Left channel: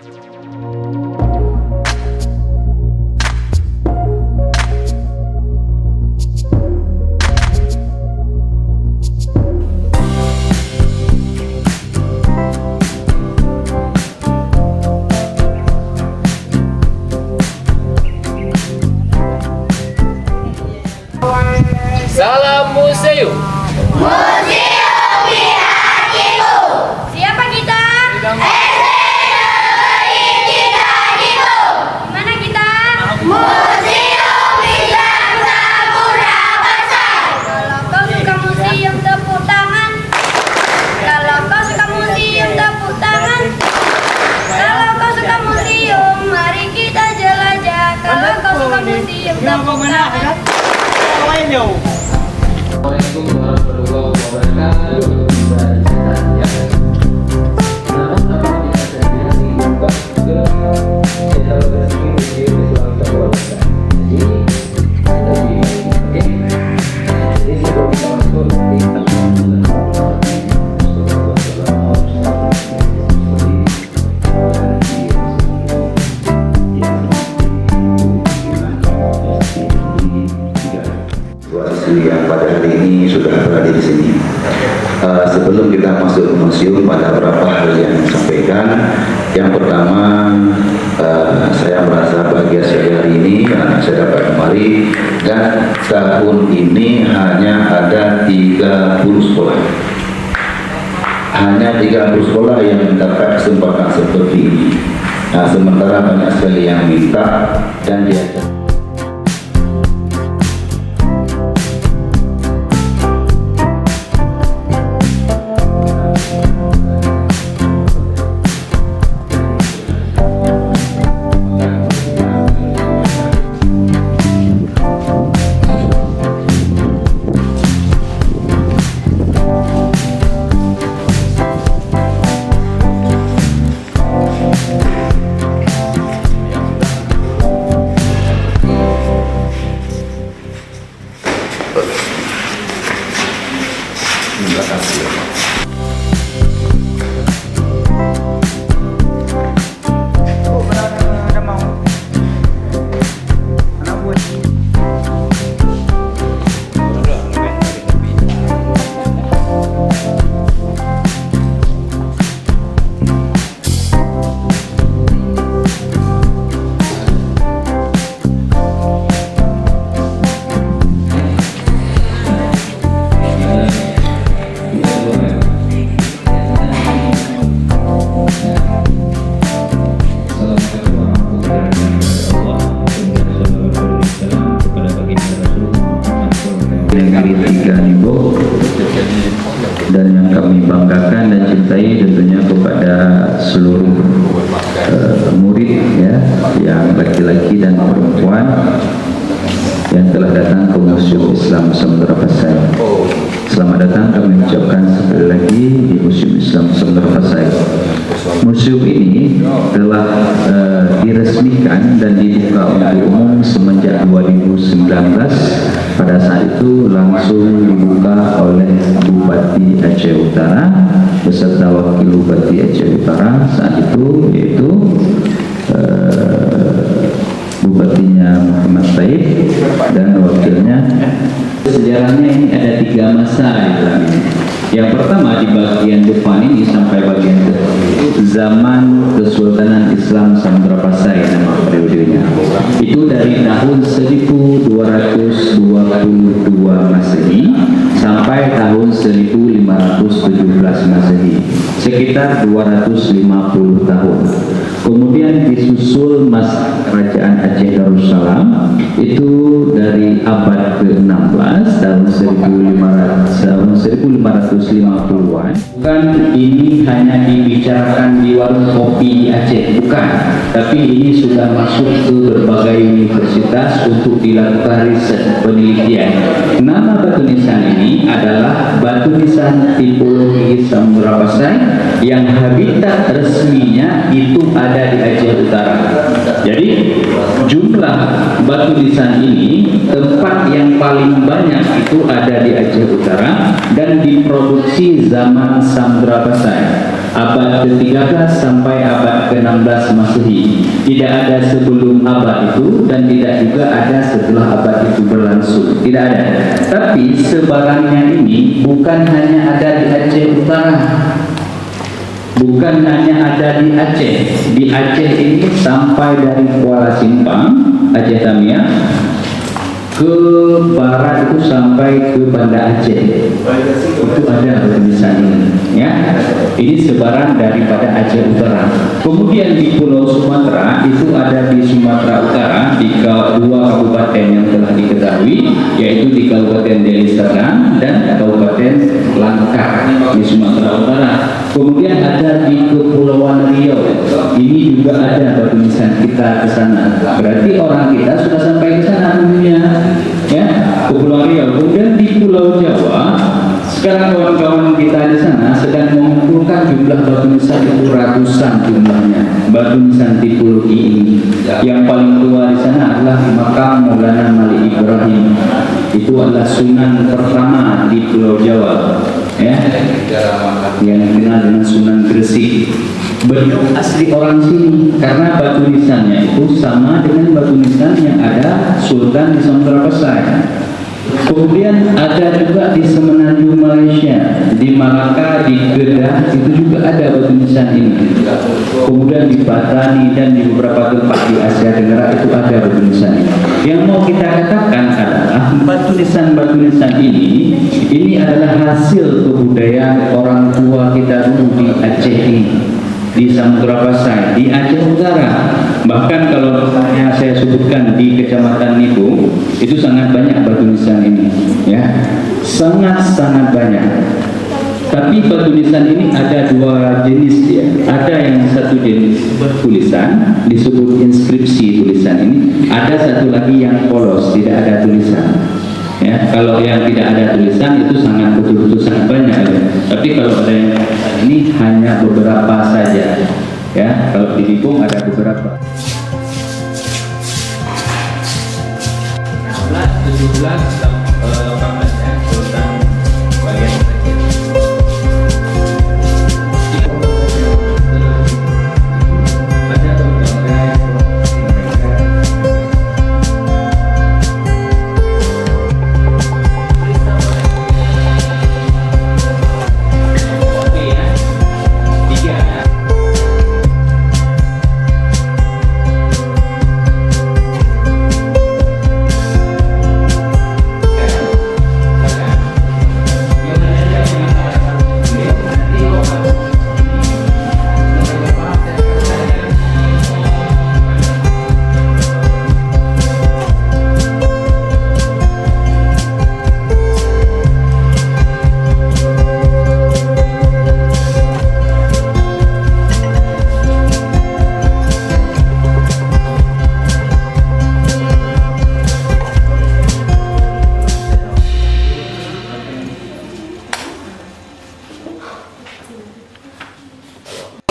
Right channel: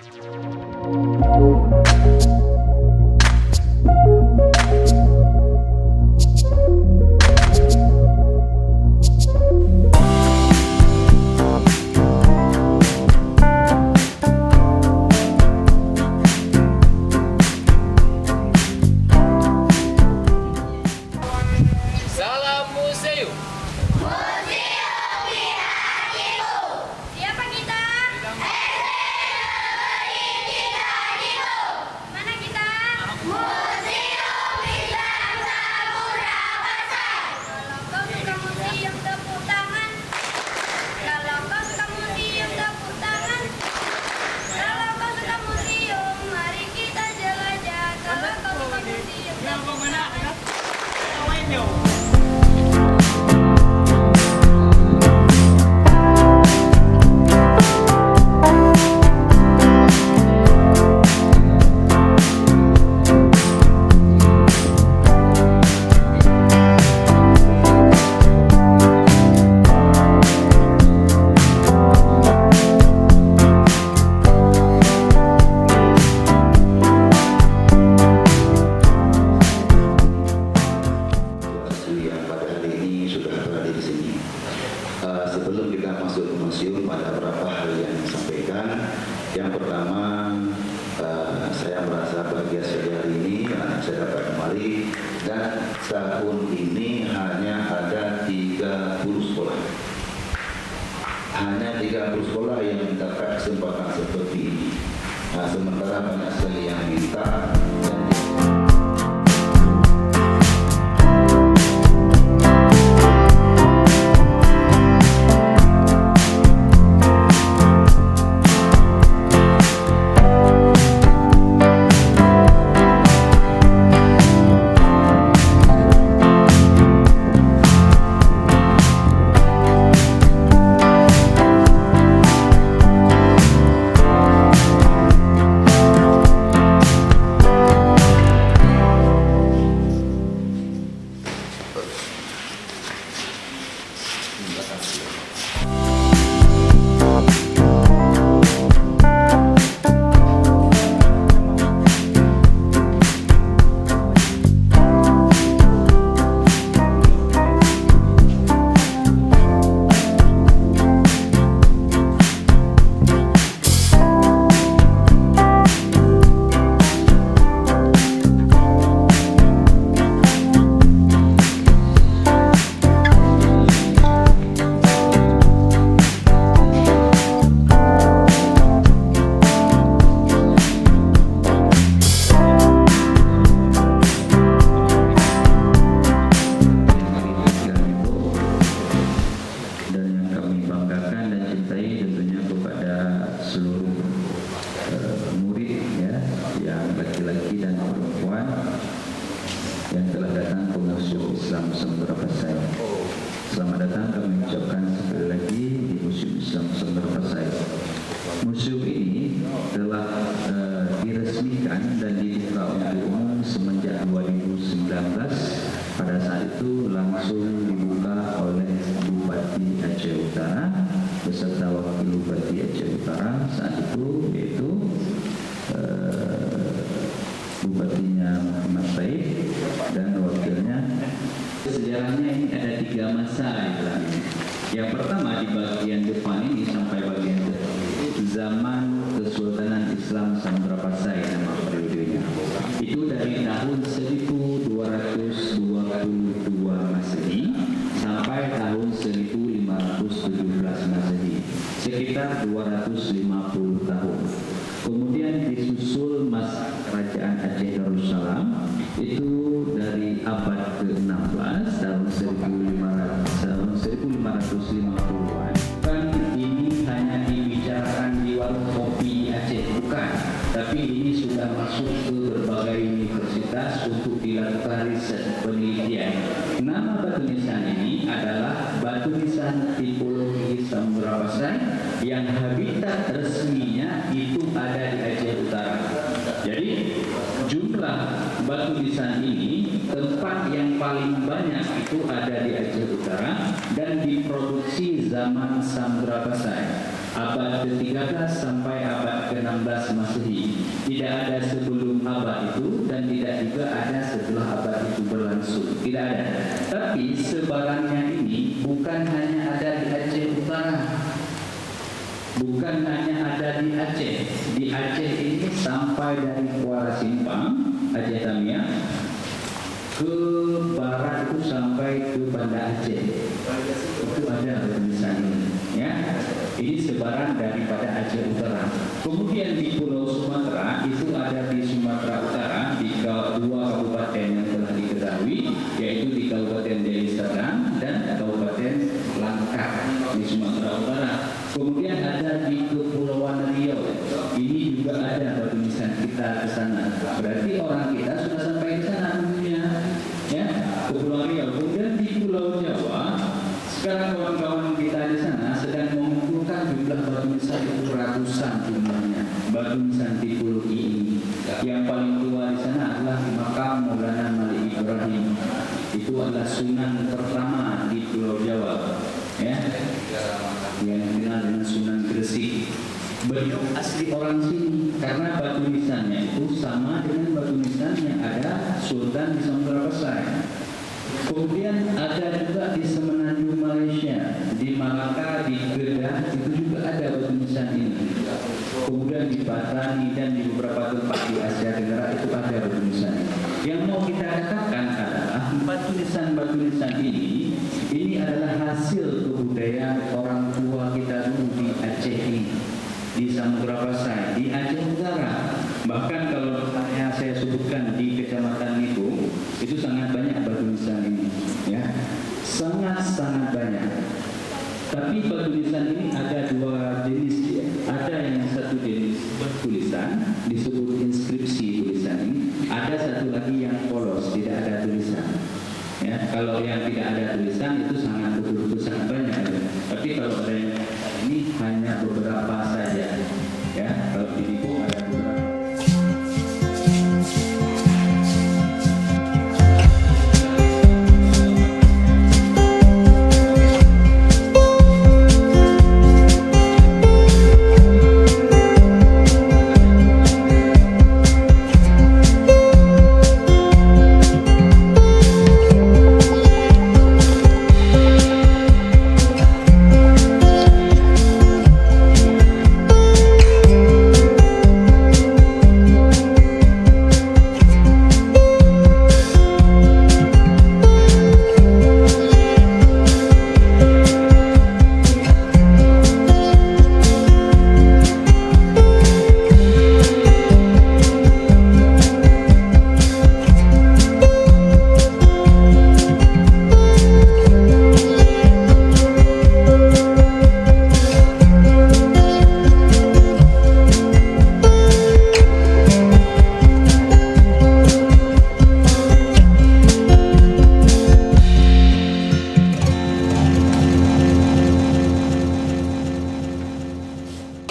Salam museum. Museum di hatiku. Siapa kita? SDNI Citajiku. Dimana kita? Museum Islam Samudra Pasai. Kalau kau suka museum, tepuk tangan. Kalau kau suka museum, tepuk tangan. Kalau kau suka museum, mari kita jelajah. Kalau kau suka museum, tepuk tangan. Yang pada hari ini sudah berada di sini. Sebelum kita masuk ke museum, pada beberapa hal yang disampaikan. Yang pertama, saya merasa bahagia sekali hari ini karena saya dapat kembali, dan tahun ini hanya ada 30 sekolah. Hanya 30 sekolah yang mendapat kesempatan seperti ini. Nah, sementara banyak sekali yang minta dan dia banggakan dan cintai tentunya kepada seluruh murid ya, yang laki-laki dan perempuan yang telah datang ke Museum Islam Samudra Pasai. Selamat datang kami ucapkan sekali lagi di Museum Islam Samudra Pasai. Museum ini telah diresmikan dan dibuka untuk umum semenjak 2019. Pada saat itu langsung dibuka oleh Bupati Aceh Utara beserta Wakil Bupati Aceh Utara saat itu, yaitu Bupatinya Muhammad Said dan wakilnya. Sejarahnya ini ada 3 masa di dalam ini. Yang pertama di bagian depan ini sampai bagian zaman Kesultanan Islam Samudra Pasai, nama periodenya. Itu dari tahun 1222 Masehi sampai tahun 1517 Masehi, sekitar 250 tahun. Kemudian disusul masa Kerajaan Aceh Darussalam, itu dari abad ke-16 tahun 1550-an. Bukan ini hanya dibicarakan di warung kopi di Aceh, bukan, tapi ini sudah masuk ke berbagai universitas untuk dilakukan riset penelitian. Nama batu nisan ini adalah batu nisan tipologi Samudra Pasai yang habitat resminya itu ada di Aceh Utara. Jadi jumlah batu nisan ini, tempat yang paling banyak itu ada di Aceh Utara dan diproduksi zaman Samudra Pasai. abad ke-13 sampai abad ke-16 Masehi. Tidak ada sebelum abad itu dan tidak juga ada setelah abad itu berlangsung. Tidak ada. Tapi sebarannya ini bukan hanya ada di Aceh Utara. Bukan hanya ada di Aceh. Di Aceh ini sampai dari Kuala Simpang, Aceh Tamiang, ke barat itu sampai ke Banda Aceh. Itu ada tulisan ini, ya. Ini sebaran daripada Aceh Utara. Kemudian di Pulau Sumatera itu ada di Sumatera Utara di dua kabupaten yang telah diketahui, yaitu di Kabupaten Deli Serdang dan Kabupaten Langkat di Sumatera Utara. Kemudian ada di Kepulauan Riau. Ini juga ada batu nisan kita ke sana. Berarti orang kita sudah sampai ke sana dulunya, ya, Kepulauan Riau. Kemudian di Pulau Jawa, sekarang kawan-kawan kita di sana sedang mengumpulkan jumlah batu nisan itu ratusan jumlahnya. Batu nisan tipologi ini. Yang paling tua di sana adalah makam Maulana Malik Ibrahim. Itu adalah Sunan pertama di Pulau Jawa, ya, yang dikenal dengan Sunan Gresik. Beliau asli orang sini karena batu nisannya itu sama dengan batu nisan yang ada Sultan di Sumatera Besar. Kemudian ada juga di Semenanjung Malaysia, di Malaka, di Kedah itu juga ada batu nisan ini. Kemudian di Patani dan di beberapa tempat di Asia Tenggara itu ada batu nisan ini. Yang mau kita katakan adalah batu nisan ini adalah hasil kebudayaan orang tua kita dulu di Aceh ini, di Samudra Pasai, di Aceh Utara. Bahkan kalau misalnya saya sebutkan di Kecamatan Nibu, itu sangat banyak batu nisan ini, ya, sangat banyak. Tapi batu nisan ini ada dua jenis, ya. Ada yang satu jenis bertulisan, disebut inskripsi tulisan ini. Ada satu lagi yang polos, tidak ada tulisan. Ya, kalau yang tidak ada tulisan itu sangat betul-betul sangat banyak, ya. Tapi kalau ada yang tulisan ini hanya beberapa saja, ya. Kalau di Libung ada beberapa. 17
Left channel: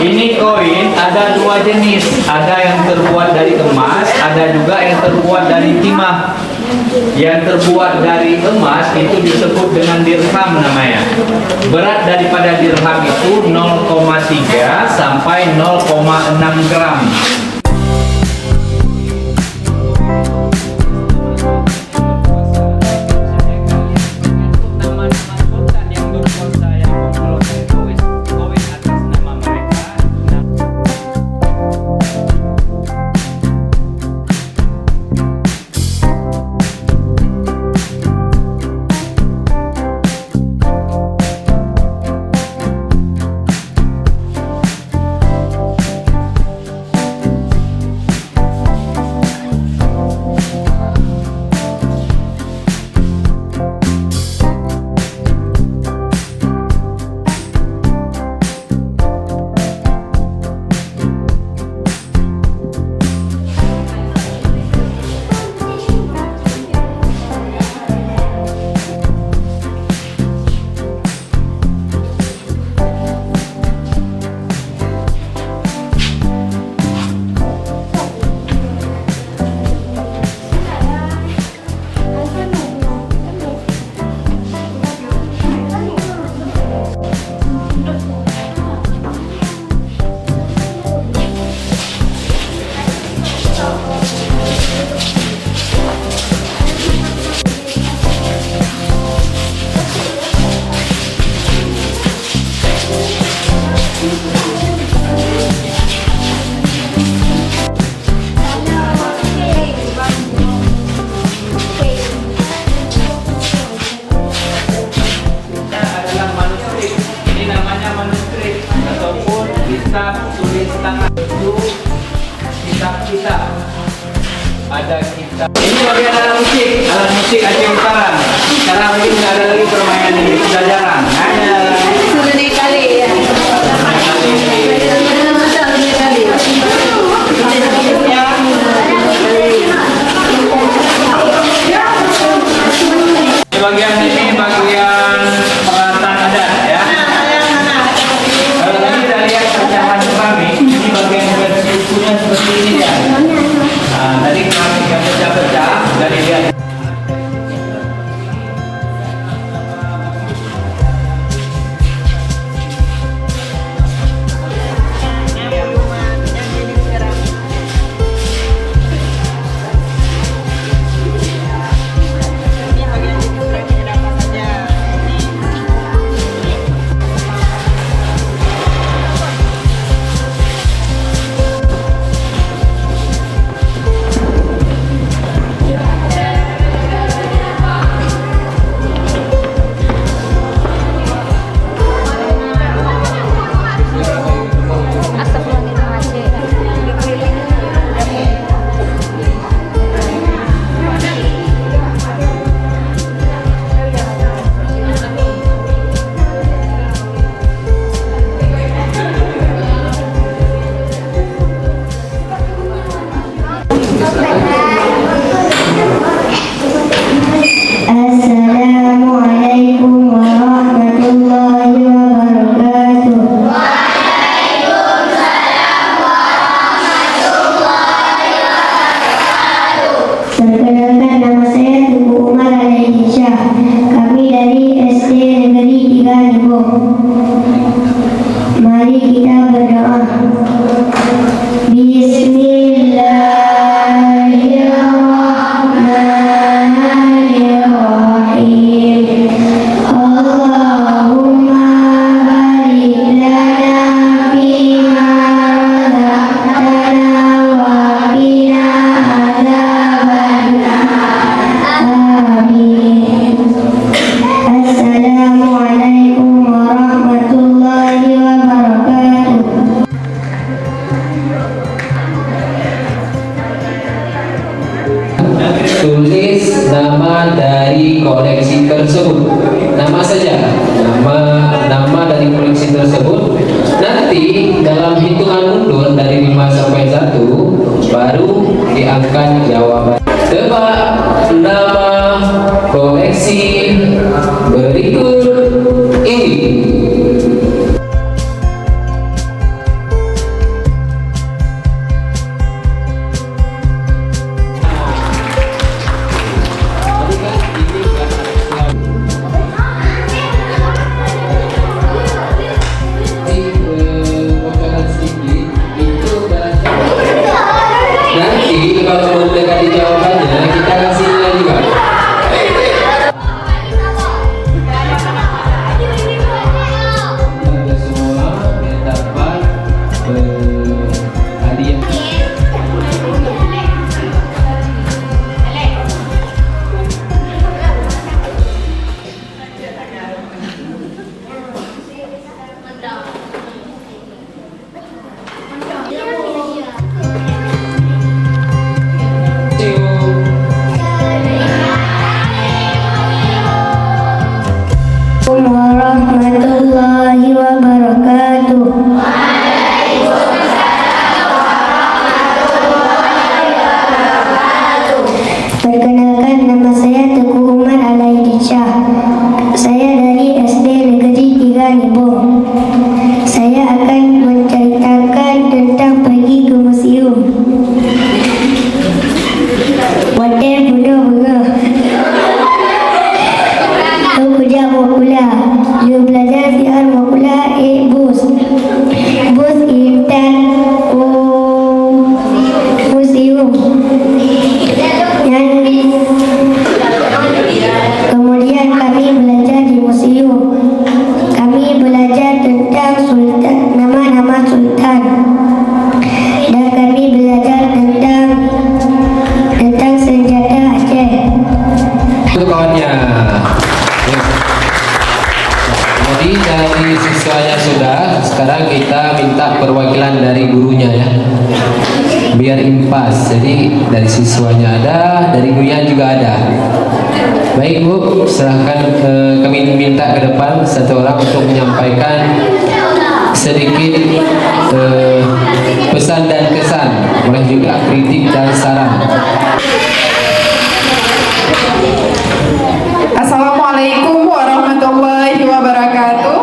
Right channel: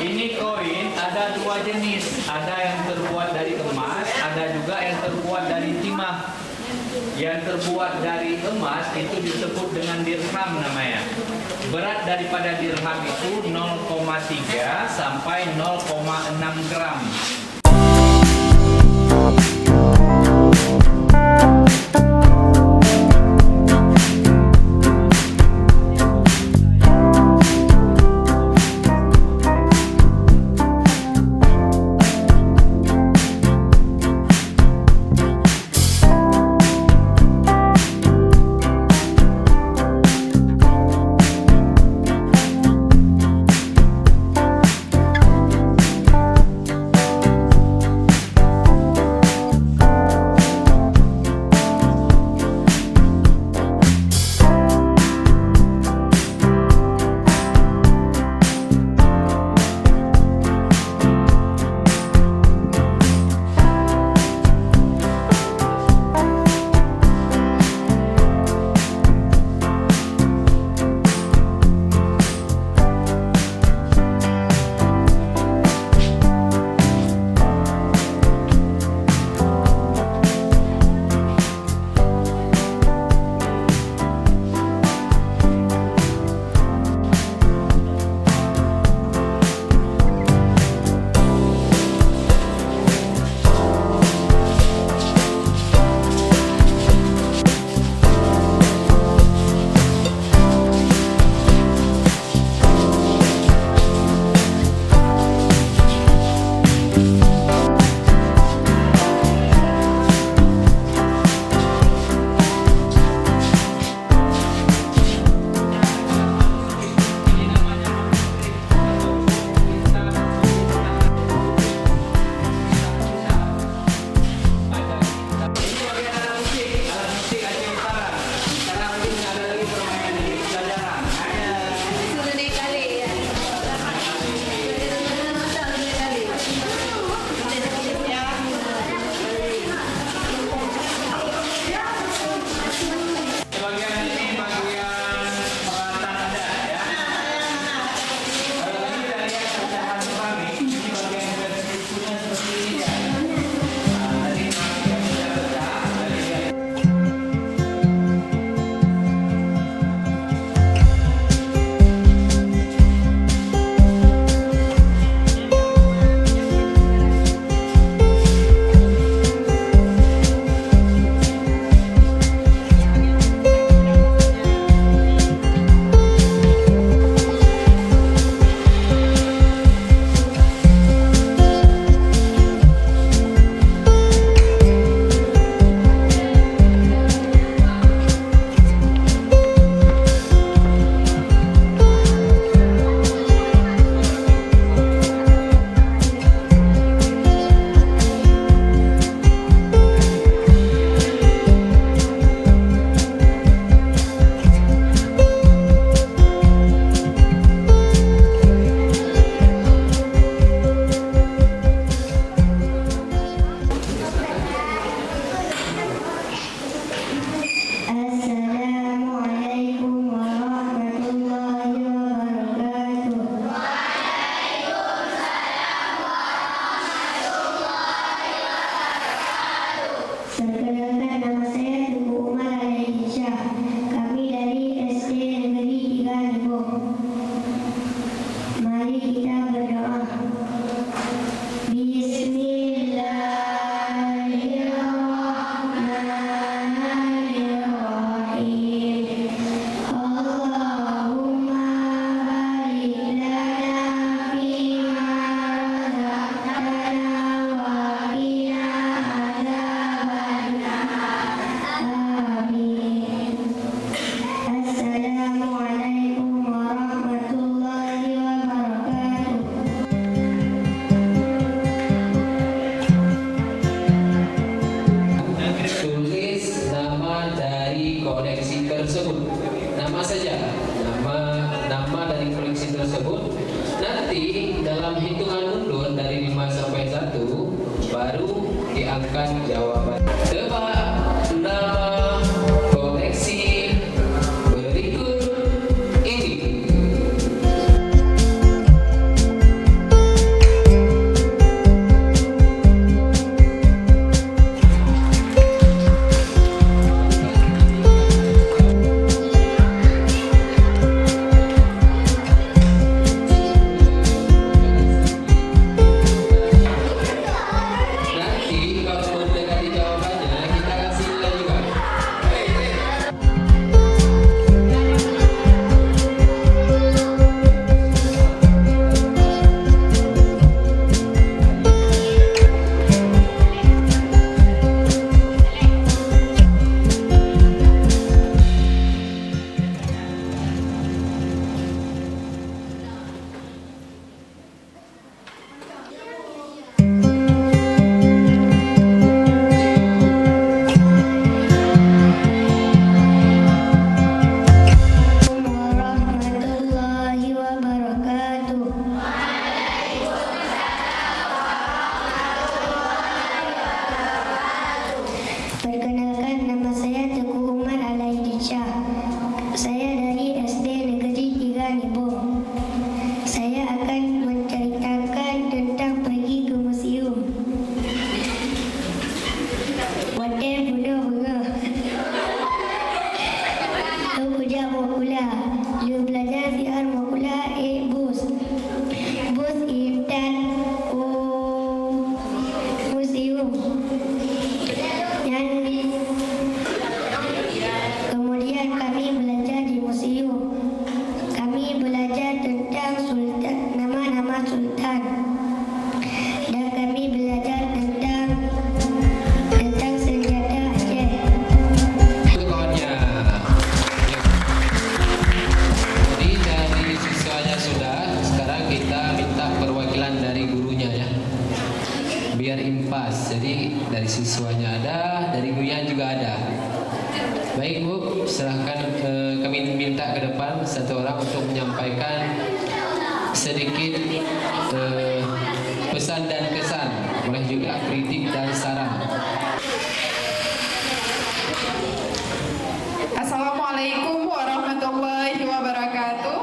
Ini koin ada dua jenis, ada yang terbuat dari emas, ada juga yang terbuat dari timah. Yang terbuat dari emas itu disebut dengan dirham namanya. Berat daripada dirham itu 0,3 sampai 0,6 gram. Ini bagian alat musik Aceh Utara. Sekarang ini tidak ada lagi permainan ini, sudah jarang. Hanya Sudah naik kali ya. bagian ini bagian peralatan adat ya. Kalau tadi kita lihat pecahan kami, ini bagian bersukunya seperti ini ya. Tadi kami yang pecah-pecah dari dia. biar impas. Jadi dari siswanya ada, dari gurunya juga ada. Baik Bu, silahkan kami minta ke depan satu orang untuk menyampaikan sedikit pesan dan kesan, boleh juga kritik dan saran. Assalamualaikum warahmatullahi wabarakatuh.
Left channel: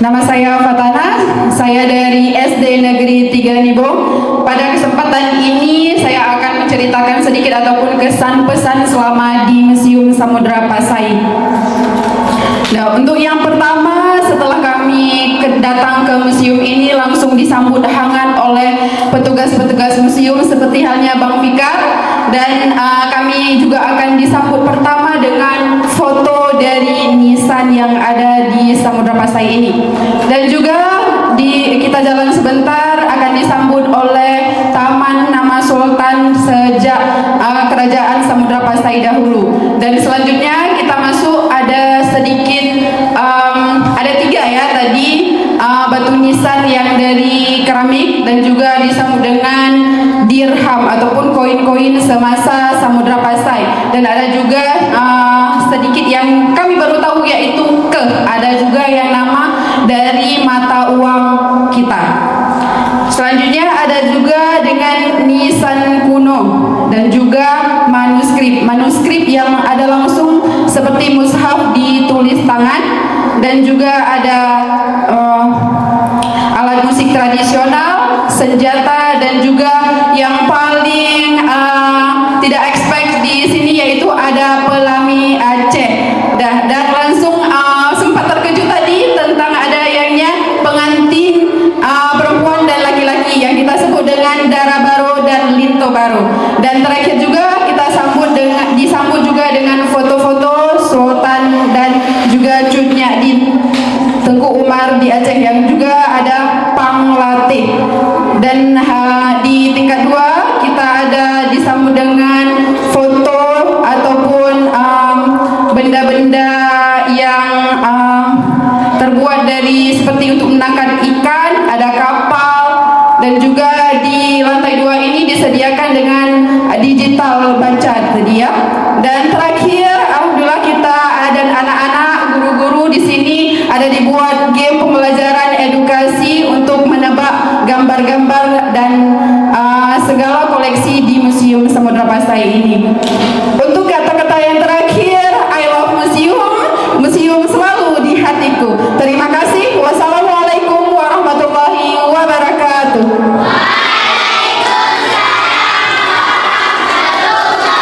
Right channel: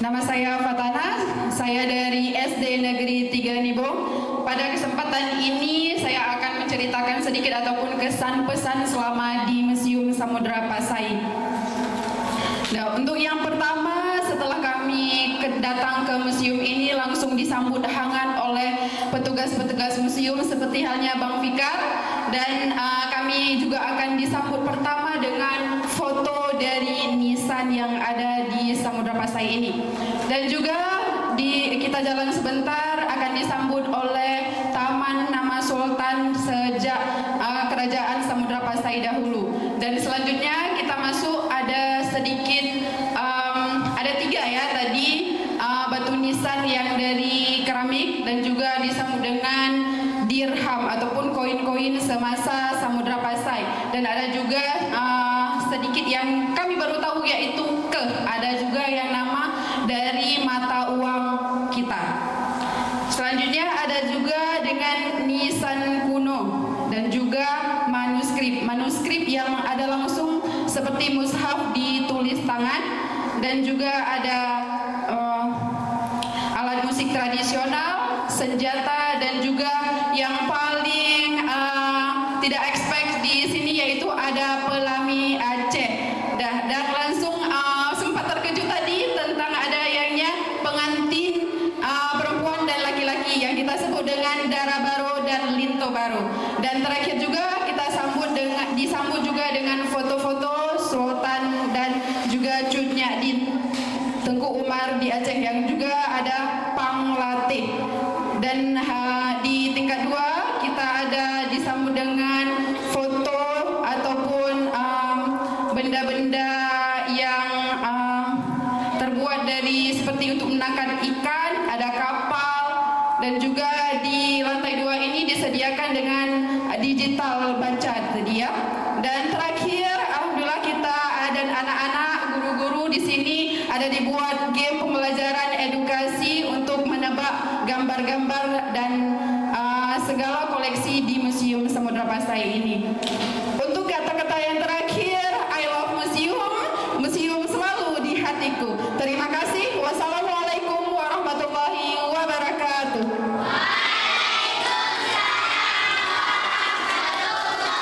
Nama saya Fatana, saya dari SD Negeri 3 Nibong. Pada kesempatan ini saya akan menceritakan sedikit ataupun kesan pesan selama di Museum Samudra Pasai. Nah, untuk yang pertama, setelah kami datang ke museum ini langsung disambut hangat oleh petugas-petugas museum seperti halnya Bang Fikar, dan kami juga akan disambut pertama dengan foto dari nisan yang ada di Samudra Pasai ini. Dan juga kita jalan sebentar akan disambut oleh Taman Nama Sultan sejak Kerajaan Samudra Pasai dahulu. Dan selanjutnya kita masuk, ada sedikit ada 3 ya tadi, batu nisan yang dari keramik dan juga disambut dengan dirham ataupun koin-koin semasa Samudra Pasai. Dan ada juga sedikit yang kami baru tahu, yaitu ada juga yang nama dari mata uang kita. Selanjutnya ada juga dengan nisan kuno dan juga manuskrip yang ada langsung seperti mushaf ditulis tangan, dan juga ada alat musik tradisional, senjata, dan juga yang paling tidak expect di sini yaitu ada pelami Aceh. Dan langsung sempat terkejut tadi tentang ada yangnya pengantin perempuan dan laki-laki yang kita sebut dengan Dara Baro dan Linto Baro. Dan terakhir juga kita disambut juga dengan foto-foto Sultan dan juga cutnya di Tengku Umar di Aceh yang juga ada Panglatih. Dan di tingkat 2 kita ada disambut dengan foto ataupun benda-benda yang terbuat dari seperti untuk menangkap ikan, ada kapal, dan juga di lantai 2 ini disediakan dengan digital baca tadi ya. Dan terakhir, alhamdulillah kita dan anak-anak guru-guru di sini ada dibuat game pembelajaran edukasi untuk menebak gambar-gambar dan segala koleksi di Museum Samudra Pasai ini. Untuk kata-kata yang terakhir, I love museum, museum selalu di hatiku. Terima kasih. Wassalamualaikum warahmatullahi wabarakatuh.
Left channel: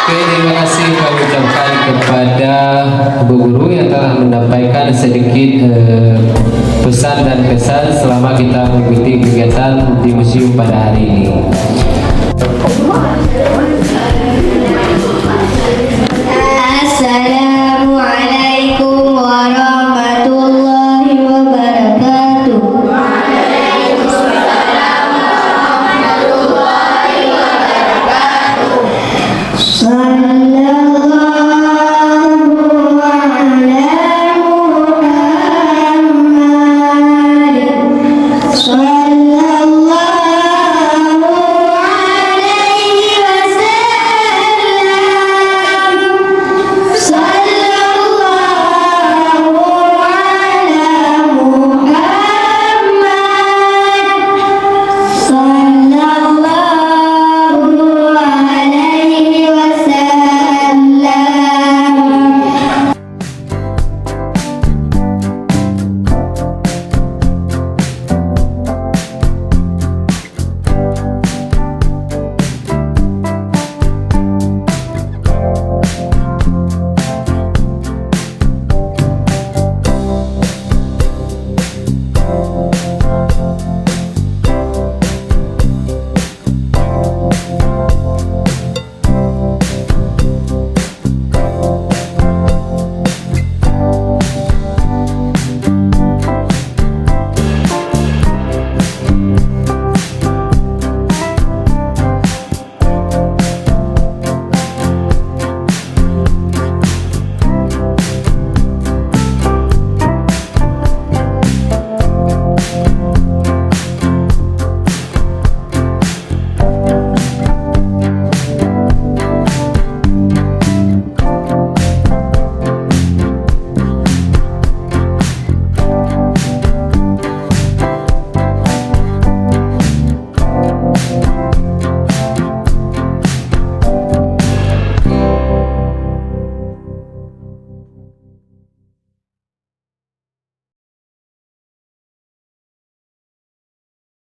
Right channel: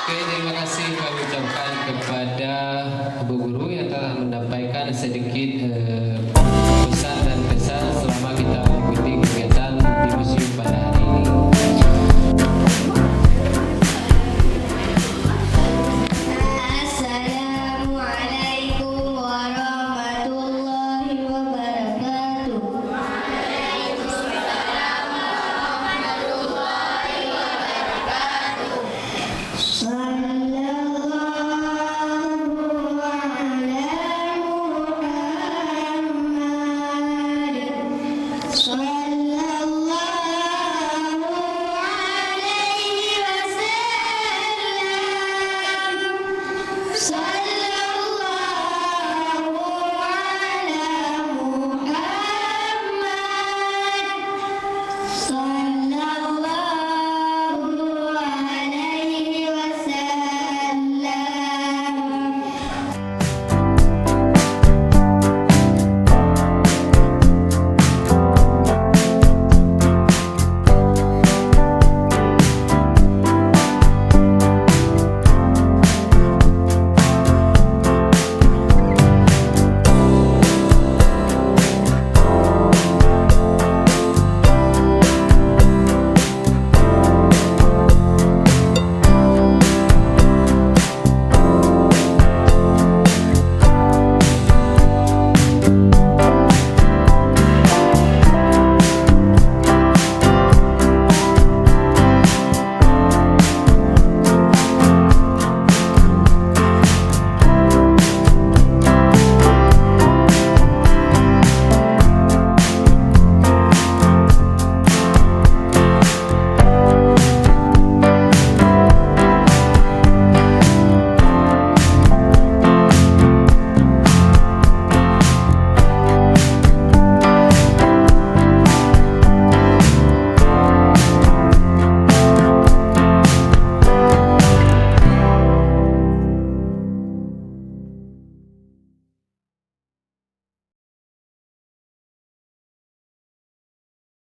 Oke, terima kasih kami ucapkan kepada Bu Guru yang telah menyampaikan sedikit pesan dan kesan selama kita mengikuti kegiatan di museum pada hari ini.